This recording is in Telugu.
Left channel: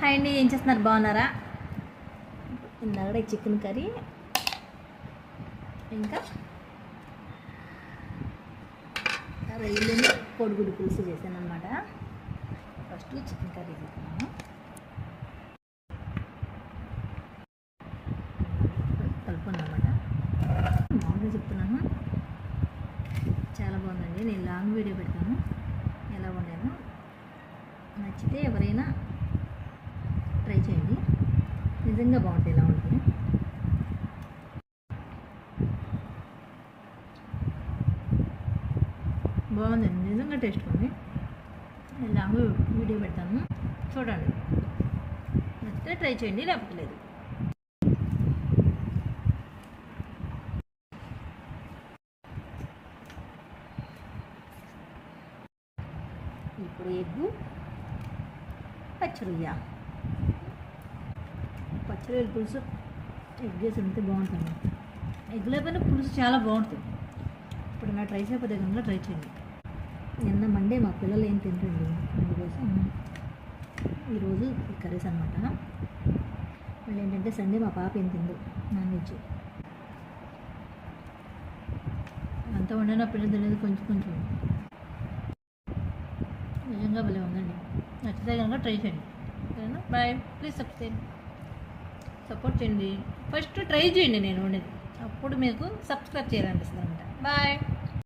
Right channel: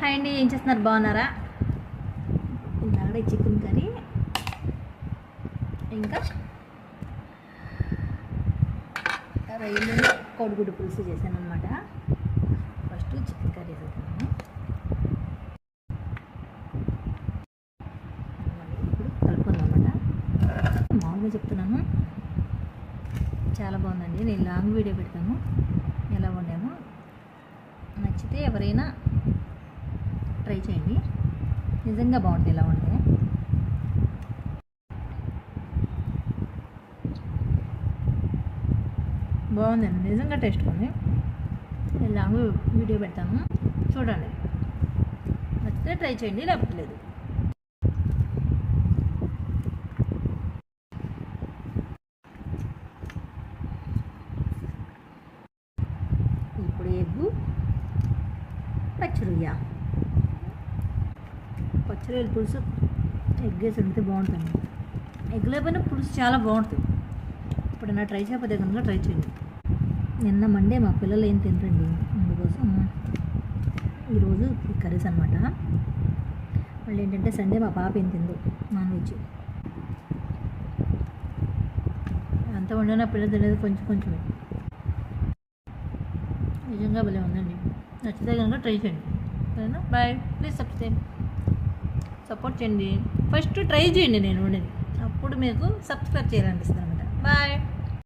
హాయ్ అండి, ఏం చేస్తున్నారు? బాగున్నారా? ఇందాక చికెన్ కర్రీ ఇంకా రొయ్యలు కోడిగుడ్డు పులుసు చేశాను అనమాట. ఫస్ట్ చికెన్ కర్రీ వేసుకున్నాను. ఇప్పుడు కలుపుకున్నాను అనమాట. మామూలుగా చెప్తున్నాను, చాలా బాగుందండి. నేను లాంగ్ వీడియో పెడతాను ఎలా వండాను. నచ్చితే ఎవరైనా ట్రై చేయండి, నిజంగా బాగుంటుంది ఇలా వండితే. బాగుందండి, నిజంగా టేస్ట్ ఉంది. నేను లాంగ్ వీడియో పెడతాను, చూడండి. నచ్చితే ట్రై చేయండి, లేకపోతే లేదు. ఇప్పుడు ఎగ్గు పచ్చిరొయ్య పులుసు ఎగ్ వేసి ఉంటే బాగుంటుంది. ఎగ్ లేకపోయినా పులుసు చాలా బాగుంటుంది. ఇప్పుడు నా ట్రై చేయకపోతే కనుక ట్రై చేయండి. నిన్న మండే మా పిల్లలు ఏం తింటండి, అందుకోసం ఈరోజు కర్రీస్ అనమాట. మళ్ళీ ఏంటంటే సండే మా పాప ఏం తింది, నాన్ వెజ్. అంత వండినా పిల్లలు తినేది కొంచెం కొంచెం. నిజంగా భలే ఉందండి. నచ్చితే కనుక ట్రై చేయండి. సరేనా? బాయ్. ప్లీజ్ సపోర్ట్ చేయండి. ఫస్ట్ ట్రై చేయండి నేను వండేది, అప్పుడు మీకు సబ్స్క్రైబ్ చేయాలనిపిస్తుంది అనమాట. బాయ్.